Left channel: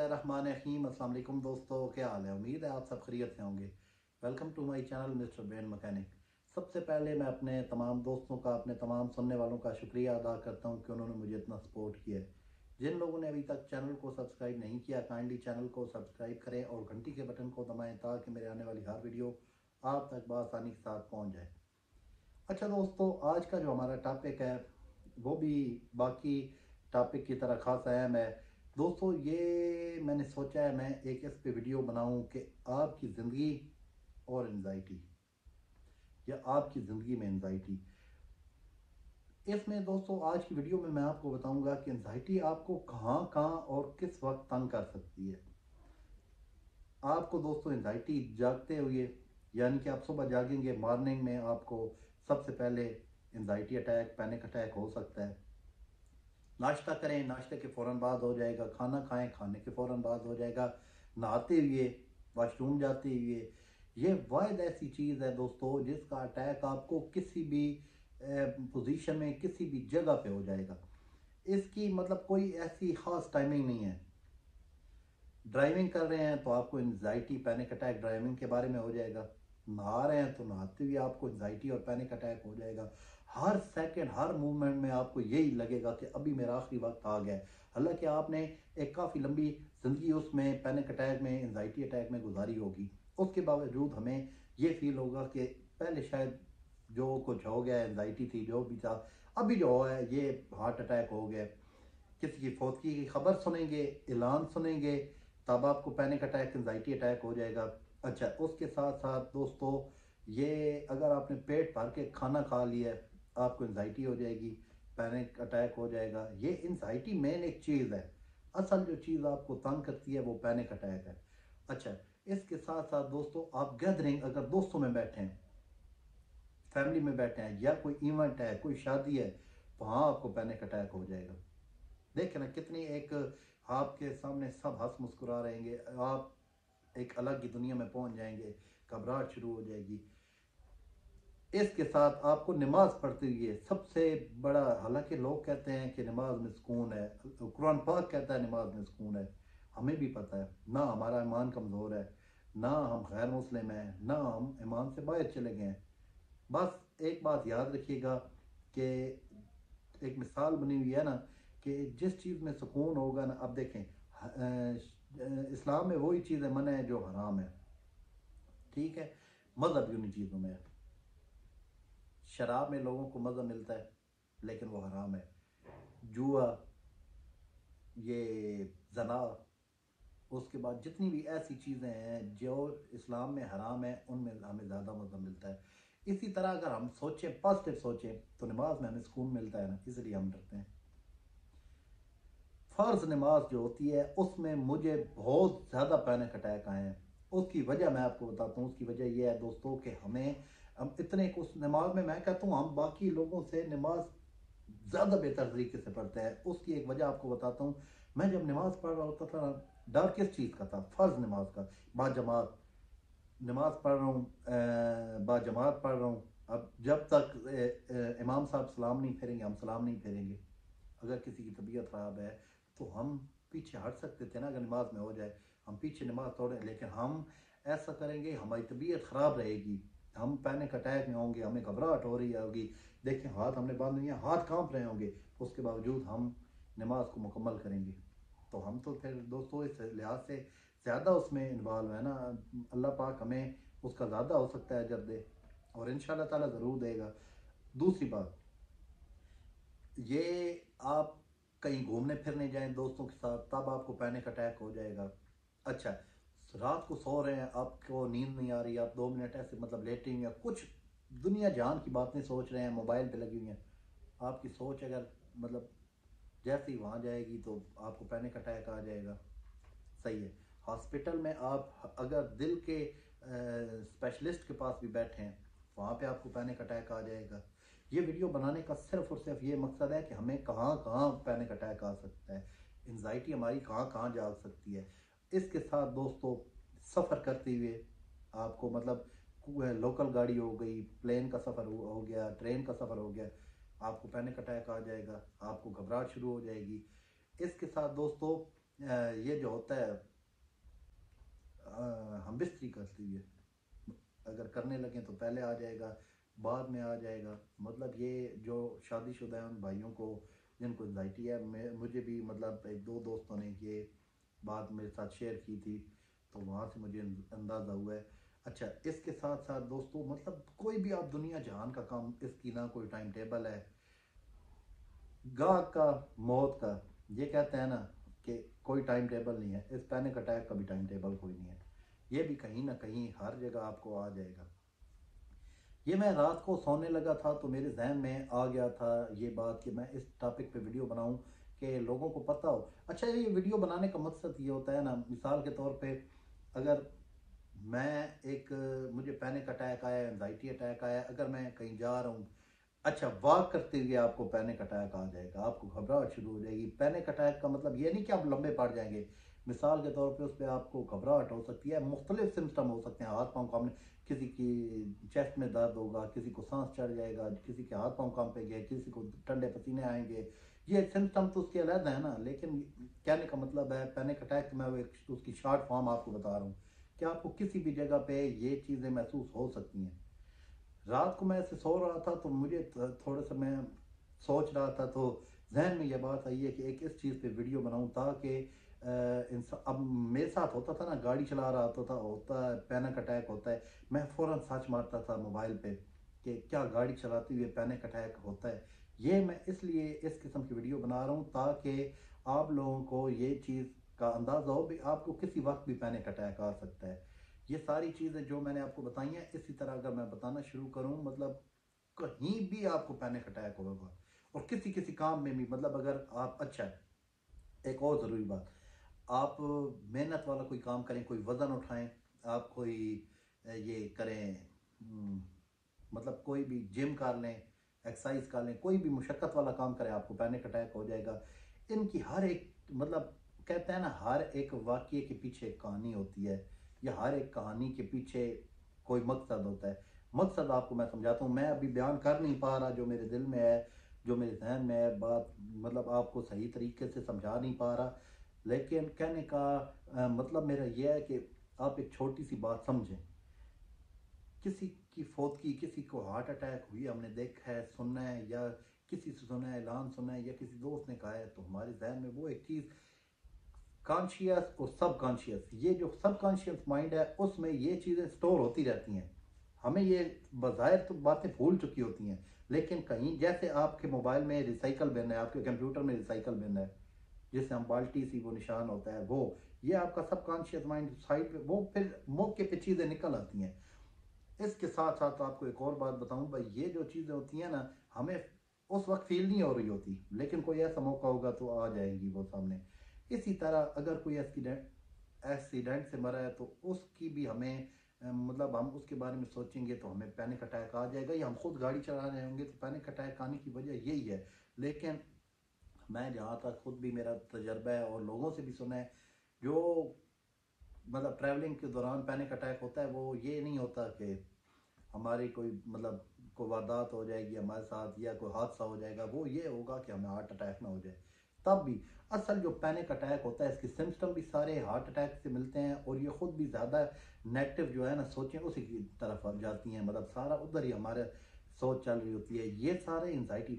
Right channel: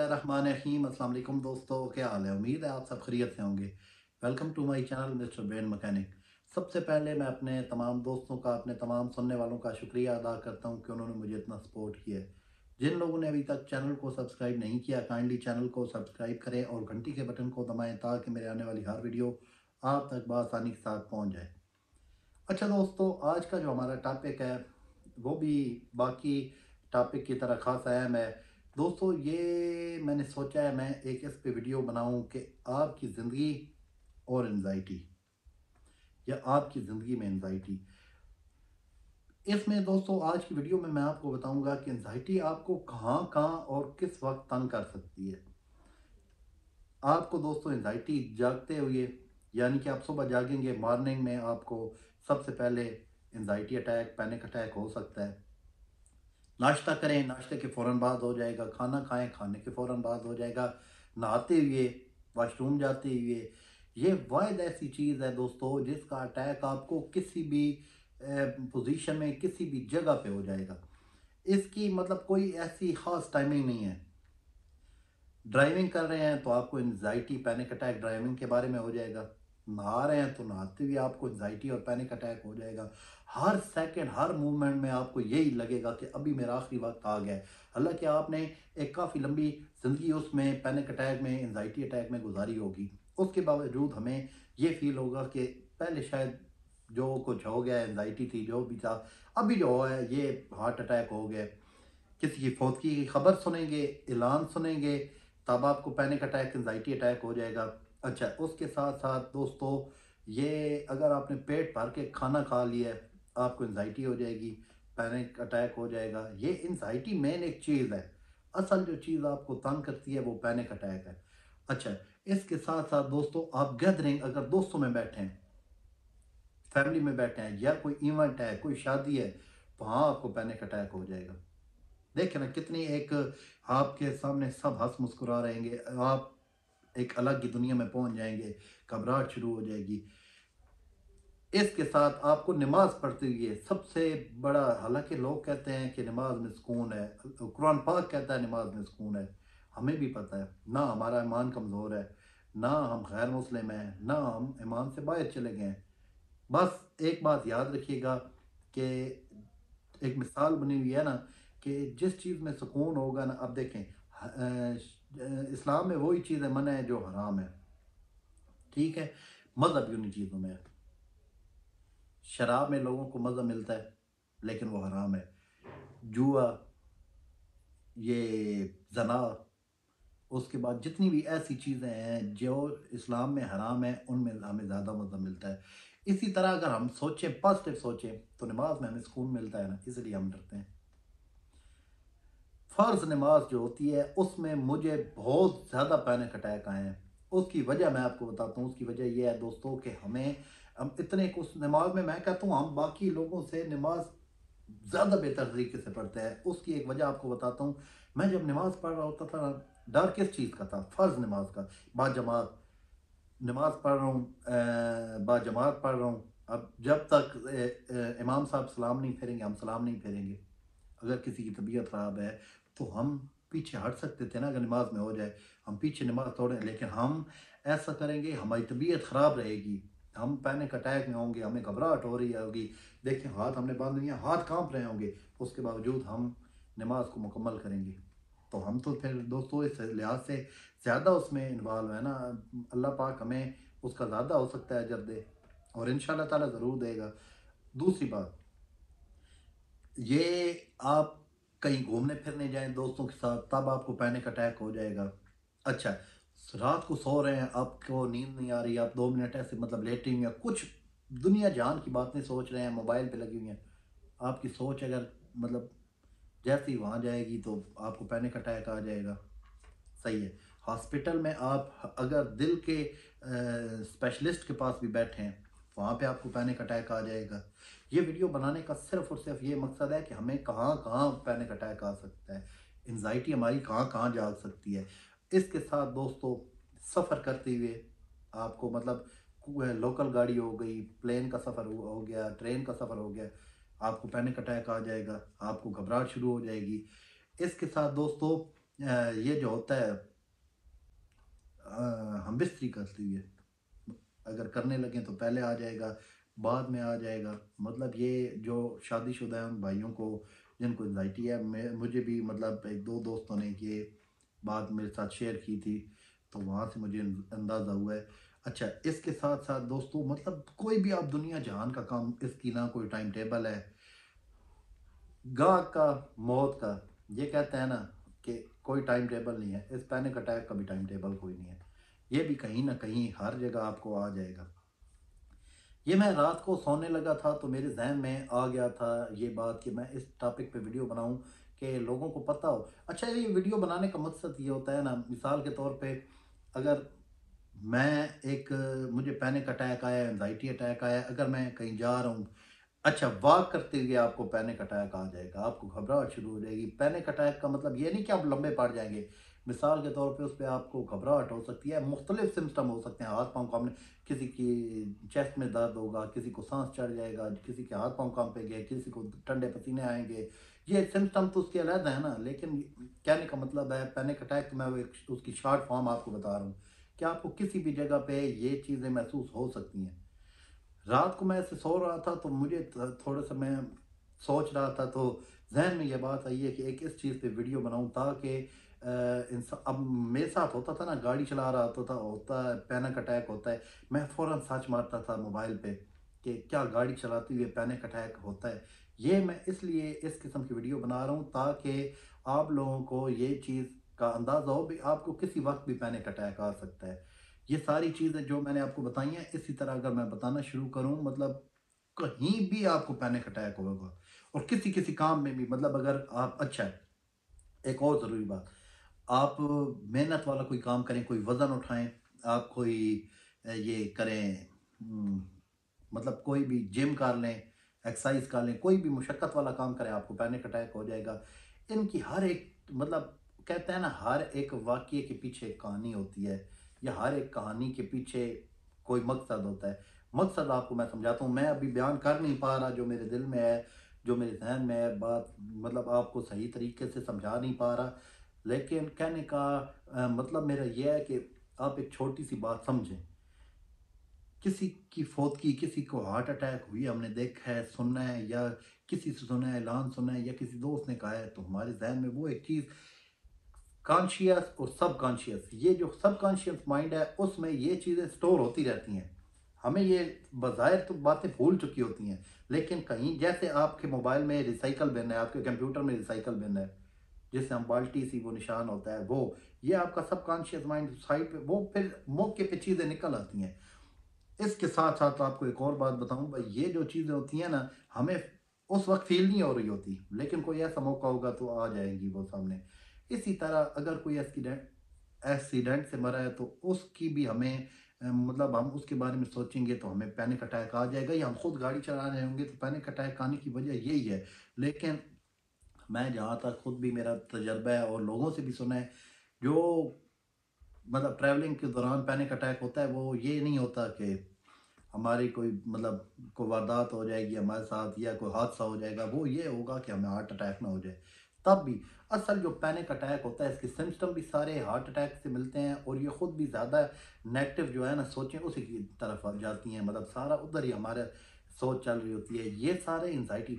बिस्मिल्लाहिर्रहमानिर्रहीम। अस्सलाम वालेकुम दोस्तों, क्या हाल है? उम्मीद है आप सब खैरियत से होंगे। Welcome to my channel mister brain mechanic. सबसे पहले मैं अपने तमाम दोस्तों का, अपने तमाम सुनने वालों का शुक्रिया अदा करता हूं कि उन्होंने मुझे इतना सपोर्ट किया है। जिन लोगों ने अभी तक चैनल को सब्सक्राइब नहीं किया, काइंडली चैनल को सब्सक्राइब करें और घंटी के बटन को दबाएं ताकि मेरे आने वाली हर वीडियो आप तक बआसानी के साथ पहुँच जाए। अच्छा दोस्तों, आज का जो हमारा टॉपिक है वो भी बाकी टॉपिक की तरह खास अहम है। दोस्तों, ये मैंने सोचा है मैं एक इस पे वीडियो बनाऊं कि आपकी ज़िंदगी और एनजाइटी, या आपकी ज़िंदगी में एनजाइटी। इसमें दोस्तों आज की वीडियो में मैं आपको बताऊंगा कि एनजाइटी आपको कहाँ कहाँ और किस वक्त तंग कर सकती है। आपको दोस्तों एनजाइटी जागते हुए, यानी कि आप सुबह जागेंगे मॉर्निंग में, आपको सबसे पहले एनजाइटी अटैक, पैनिक अटैक हो सकता है। नाश्ता करें, नाश्ते के फ़ौरन बाद हो जाएगा। खाना खाएं, खाने के फ़ौरन बाद हो जाएगा। नहाते हुए, वॉशरूम जाते हुए, ये वाहिद ऐसी चीज़ है दोस्तों जिसका अटैक आपको किसी भी पोजीशन में, किसी भी जगह पे हो जाएगा। इसकी मतलब कोई ऐसी ख़ास टाइमिंग नहीं है। ड्राइविंग कर रहे हैं तो आपको एंजाइटी, पैनिक अटैक ड्राइविंग के बारे में हो जाएगा। नहा रहे हैं तो नहाते हुए आपको एंजाइटी और पैनिक अटैक हो जाएगा। हर सेकंड, हर मूवमेंट में आपको यही लगेगा कि अभी मेरा आखिरी वक्त आ गया है। हालांकि आपने एक काफ़ी लंबी ज़िंदगी उसमें पैनिक अटैक में, एंजाइटी अटैक में गुजारी होगी। उसके बावजूद हमें ये फील होगा कि पहले शायद जो कुछ हो गया, एंजाइटी थी, जो भी था, अभी जो है ये हार्ट अटैक हो गया। किसी की फौतगी की खबर सुनेंगे, ऐलान सुनेंगे, तब आपको पैनिक अटैक, एंजाइटी अटैक हो जाएगा। अच्छा, उसके साथ साथ दोस्तों, ये अगर आपने पेट भर के खाना खा लिया है, आपको एंजाइटी हो जाएगी, पैनिक अटैक हो जाएगा। ये एंजाइटी मेन एक चीज़ है। असल जो चीज़ आपको तंग करती है वो पैनिक अटैक है। अच्छा, इसके साथ साथ दोस्तों, आप गैदरिंग, अगर दोस्तों में बैठे हैं, फैमिली में बैठे हैं, या कोई इवेंट है, कोई शादी है, वहाँ आपको पैनिक अटैक हो जाएगा। देखिए ना, कितनी एक आपके सामने सब हंस मुस्कुरा रहेंगे, आप एक अलग ही दुनिया में पहुंच जाएंगे, घबराहट शुरू हो जाएगी। इसके साथ आपको नमाज पढ़ते हुए सबसे बड़ा, हालांकि लोग कहते हैं कि नमाज में सुकून है, कुरान पाक कहता है नमाज में सुकून है, हमें भी पता है ना हमारा ईमान कमज़ोर है, ना हम गैर मुस्लिम हैं, ना हम ईमान से बाहर चले गए हैं। बस एक बात याद रखिएगा कि एक मिसाल बनी हुई है ना, कि जिस चीज़ में सुकून होगा ना, अब देखें इस्लाम में वही चीज़ें मना है जो हराम है, ठीक है। मज़हब भी उन्हीं चीज़ों में है। शराब में लोगों को मज़ा मिलता है लेकिन वो हराम है। जुआ, ये जना, उसके बाद जितनी भी ऐसी चीज़ें हैं जो इस्लाम में हराम है, उनमें हमें ज़्यादा मज़ा मिलता है। इसी तरह अगर हम सोचें, पॉजिटिव सोचें, तो नमाज में हमें सुकून मिलता है ना, इसलिए हम डरते हैं। फ़र्ज नमाज जो होती है उसमें मुझे बहुत ज़्यादा पैनिक अटैक आए हैं। उसकी वजह मैं आपको बताता हूँ। उसकी वजह यह है दोस्तों कि हमें, हम इतने उस नमाज में, मैं कहता हूँ हम बाकी लोगों से नमाज ज़्यादा बेहतर तरीके से पढ़ते हैं। उसकी एक वजह आपको बताता हूँ। मैं जब नमाज पढ़ रहा होता था, डर किस चीज़ का था? फ़र्ज नमाज का। बाजमात नमाज पढ़ रहा हूँ, बाजमात पढ़ रहा हूँ। अब जब तक इमाम साहब सलाम नहीं फेरेंगे, हम सलाम नहीं फेरेंगे। अगर किसी की तबीयत ख़राब है तो हम पीछे हट सकते थे ना, अगर नमाज में हो जाए, हम पीछे नमाज तोड़ें, लेकिन हम ऐसा करेंगे, हमारी तबीयत ख़राब रहेगी, हम पैनिक अटैक में होंगे, हमें घबराहट हो रही होगी। देखिए, हाथ हमने बांध लिया, हाथ कांप रहे होंगे, उसके बावजूद हम नमाज को मुकम्मल करेंगे। तो हम तो फिर दोस्तों इस लिहाज से ज़्यादा उसमें इन्वॉल्व है ना। अल्लाह पाक हमें उसका ज़्यादा हो सकता है अजर दे, और इंशाअल्लाह ताला ज़रूर देगा। दूसरी बात, ये आप कहीं घूमने फिरने जाएं दोस्तों के साथ, तब आपको पैनिक अटैक हो जाएगा। अच्छा, रात को सो रहे हैं, आपको नींद नहीं आ रही, आप 2 मिनट ऐसे मतलब लेटे हुए हैं, कुछ दुनिया जहान की बातें सोच रहे हैं, मोबाइल पे लगी हुई हैं, आपकी सोच अगर मतलब जैसे ही वहाँ जाएगी तो आपको पैनिक अटैक आ जाएगा। सही है। हॉस्पिटल में आप अगर दिल के स्पेशलिस्ट के पास भी बैठे हैं, वहाँ पे आपको पैनिक अटैक आ जाएगा। ये वीडियो बनाने का सिर्फ और सिर्फ ये मकसद है कि हमें कहाँ कहाँ पैनिक अटैक आ सकता है, एंजाइटी हमारी कहाँ कहाँ जाग सकती है। इसके साथ दोस्तों, सफ़र करते हुए आपको मतलब लोकल गाड़ी हो गई, प्लेन का सफ़र हो गया, ट्रेन का सफ़र हो गया, आपको पैनिक अटैक आ जाएगा, आपको घबराहट शुरू हो जाएगी। इसके साथ दोस्तों, ये जो होता है हम बिस्तरी करते हुए अगर करने लगे तो पहले आ जाएगा, बाद में आ जाएगा। मतलब ये जो शादीशुदा है उन भाइयों को जिनको एंजाइटी है, मैं मुझे भी मतलब एक दो दोस्तों ने ये बात मेरे साथ शेयर की थी, तो वहाँ से मुझे अंदाज़ा हुआ है। अच्छा, इसके साथ साथ दोस्तों मतलब कोई भी आप दुनिया जहान का काम, इसकी ना कोई टाइम टेबल है। गाहक का, मौत का, ये कहते हैं ना कि कोई टाइम टेबल नहीं है, इस पैनिक अटैक का भी टाइम टेबल कोई नहीं है। ये भी कहीं ना कहीं हर जगह आपको आ जाएगा। ये मैं रात को सोने लगा था तो मेरे जहन में आ गया था ये बात कि मैं इस टॉपिक पे वीडियो बनाऊं कि लोगों को पता हो। अच्छा, ये वीडियो बनाने का मकसद ये होता है ना, मिसाल के तौर पे अगर मैं एक मुझे पैनिक अटैक आया, एंजाइटी अटैक आया, अगर मैं कहीं जा रहा हूँ, अच्छा वॉक करते हुए आपको पैनिक अटैक आ जाएगा, आपको घबराहट शुरू हो जाएगी। पैनिक अटैक का मतलब ये नहीं कि आप लंबे पड़ जाएंगे। मिसाल के तौर पे उस पर आपको घबराहट हो सकती है, मुख्तलिफ सिम्टम हो सकते हैं, हाथ पाँव कांपने, किसी की चेस्ट में दर्द होगा, किसी को सांस चढ़ जाएगा, किसी के हाथ पाँव कांपेंगे, किसी को ठंडे पसीने आएंगे। ये सिम्टम तो उसके अलग है ना, लेकिन कहने का मतलब है पैनिक अटैक, तो मैं वो एक उसकी शॉर्ट फॉर्म आपको बता रहा हूँ कि आपको किसी भी जगह पे ये चीज़ें महसूस हो सकती हैं। रात को मैं ऐसे सो रहा था तो मुझे थोड़ा सा मैं सोच रहा था, तो जहन में ये बात आई है कि एक इस चीज़ पे वीडियो बनाऊं ताकि इंसान, अब मेरे साथ होता था ना, गाड़ी चला रहा होता है पैनिक अटैक होता है, मैं फ़ौरन सर्च मारता था मोबाइल पे कि क्या गाड़ी चलाते हुए पैनिक अटैक होता है। ये मैं इसलिए इस किस्म की वीडियो बना रहा हूँ ताकि आप लोगों को ये चीज़ का अंदाज़ा हो भी आपको किसी वक्त भी पैनिक अटैक आ सकता है। ये सारी चीज़ें जो मैंने आपको बताई हैं, इसी तरह अगर मैं बताना शुरू करूं, मतलब कहीं भी आपको पैनिक अटैक होगा, और किसी किसी काम में भी, मतलब अगर आप, अच्छा है, एक और ज़रूरी बात, आप मेहनत वाला कोई काम करें, कोई वज़न उठाएं, आप कोई ये करें, मतलब कोई भी जिम कर लें, एक्सरसाइज कर लें, कोई भी मुशक्क़त वाला काम करें, आपको पैनिक अटैक हो जाएगा। इनकी हर एक, मतलब कहते हैं ना, हर एक वाक़ये के पीछे एक कहानी होती है, या हर एक कहानी के पीछे कोई मकसद होता है। मकसद आपको मैं समझाता हूँ, मैं अभी बयान कर नहीं पा रहा जो मेरे दिल में है, जो मेरे ज़हन में है बात, मतलब आपको सही तरीके से समझा नहीं पा रहा। लेकिन कहने का मतलब मेरा ये है कि आप एक छोटी सी बात समझें। किसी की फौत की, किसी को हार्ट अटैक हुई, हमने देखा है, सुना है, या किसी से सुना है, ऐलान सुना है, या किसी दोस्त ने कहा है, तो हमारे जहन में वो एक चीज़, कॉन्शियस और सब कॉन्शियस, ये जो सब कॉन्शियस माइंड है उसमें ये चीज़ें स्टोर होती रहती हैं। हमें ये बज़ाहिर तो बातें भूल चुकी होती हैं, लेकिन कहीं, जैसे आपके मोबाइल में रिसाइकल बिन है, आपके कंप्यूटर में रिसाइकल बिन है, जिससे हम बाल्टी सी वो निशान होता है, वो ये आपका सब कॉन्शियस माइंड साइड पे, वो फिर मौके पे चीज़ें निकल आती हैं। इसके साथ साथ आपको एक और बात बताऊं भाई, ये जो चीज़ें होती हैं ना, हमें उस वक्त फील नहीं हो रही होती, लेकिन कोई ऐसा मौका होगा तो आ जाएंगी वो सामने। इसी तरह अगर कोई एक्सीडेंट एक्सीडेंट से मरा है तो उसकी भी हमें मतलब हम उसके बारे में सोचेंगे तो हमें पैनिक अटैक आ जाएगा, या हम खुद गाड़ी चला रहे होंगे तो पैनिक अटैक आने की वजह यही है। लेकिन मैं जहाँ तक खुद भी मेरा तजर्बा है और लोगों से भी सुना है, जो मतलब ट्रैवलिंग के दौरान पैनिक अटैक होता है, वो ये नहीं होता कि हमारी कोई मतलब कोई वारदात हो जाएगी हमारे साथ, या कोई हादसा हो जाएगा, वो ये होगा कि हमें हार्ट अटैक ना हो जाए। तब भी असल जो पैनिक अटैक होता है, इसके सिम्टम भी सारे हार्ट अटैक से मिलते हैं, और ये खुद भी ज़्यादा नेगेटिव जो है ना सोचें उसी की तरफ आ जाती हैं, मतलब सारा उधर ही हमारे सोच चल रही होती है। ये सारे एंजाइटी,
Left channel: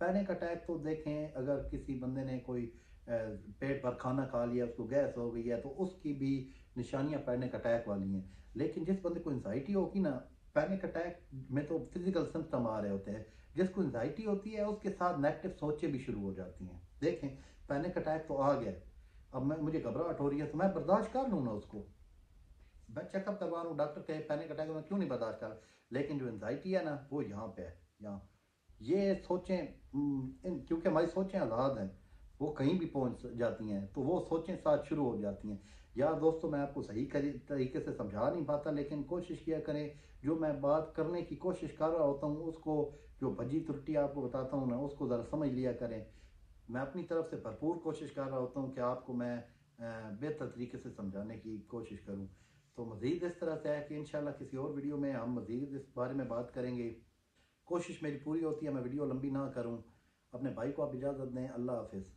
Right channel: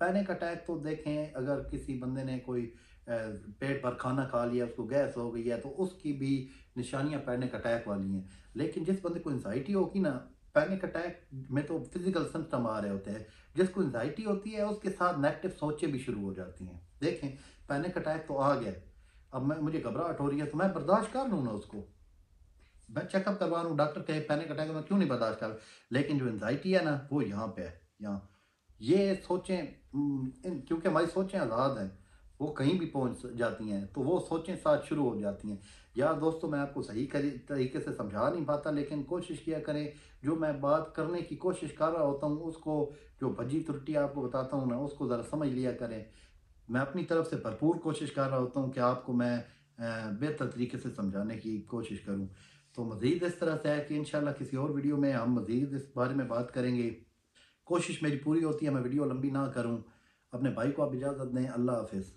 पैनिक अटैक तो देखें, अगर किसी बंदे ने कोई पेट पर खाना खा लिया, उसको गैस हो गई है, तो उसकी भी निशानियां पैनिक अटैक वाली हैं। लेकिन जिस बंदे को एंजाइटी होगी ना, पैनिक अटैक में तो फिजिकल सिम्टम आ रहे होते हैं, जिसको एंजाइटी होती है उसके साथ नेगेटिव सोचें भी शुरू हो जाती हैं। देखें, पैनिक अटैक तो आ गया, अब मुझे घबराहट हो रही है तो मैं बर्दाश्त कर लूँ ना उसको, मैं चेकअप करवा रहा हूँ, डॉक्टर कहे पैनिक अटैक, मैं क्यों नहीं बर्दाश्त कर। लेकिन जो एंजाइटी है ना, वो यहाँ पे है, यहाँ ये सोचें, क्योंकि हमारी सोचें आज़ाद हैं, वो कहीं भी पहुंच जाती हैं, तो वो सोचें साथ शुरू हो जाती हैं। यार दोस्तों, मैं आपको सही तरीके से समझा नहीं पाता, लेकिन कोशिश किया करें, जो मैं बात करने की कोशिश कर रहा होता हूँ उसको, जो भजी त्रुटि आपको बताता हूँ ना, उसको ज़रा समझ लिया करें। मैं अपनी तरफ से भरपूर कोशिश कर रहा होता हूँ कि आपको मैं बेहतर तरीके से समझाने की कोशिश करूँ। तो मज़ीद इस तरह से है कि इंशाल्लाह किसी और वीडियो में हम मज़ीद इस बारे में बात करेंगे। कोशिश मेरी पूरी होती है मैं वीडियो लंबी ना करूं। अपने भाई को आप इजाज़त दें। अल्लाह हाफ़िज़।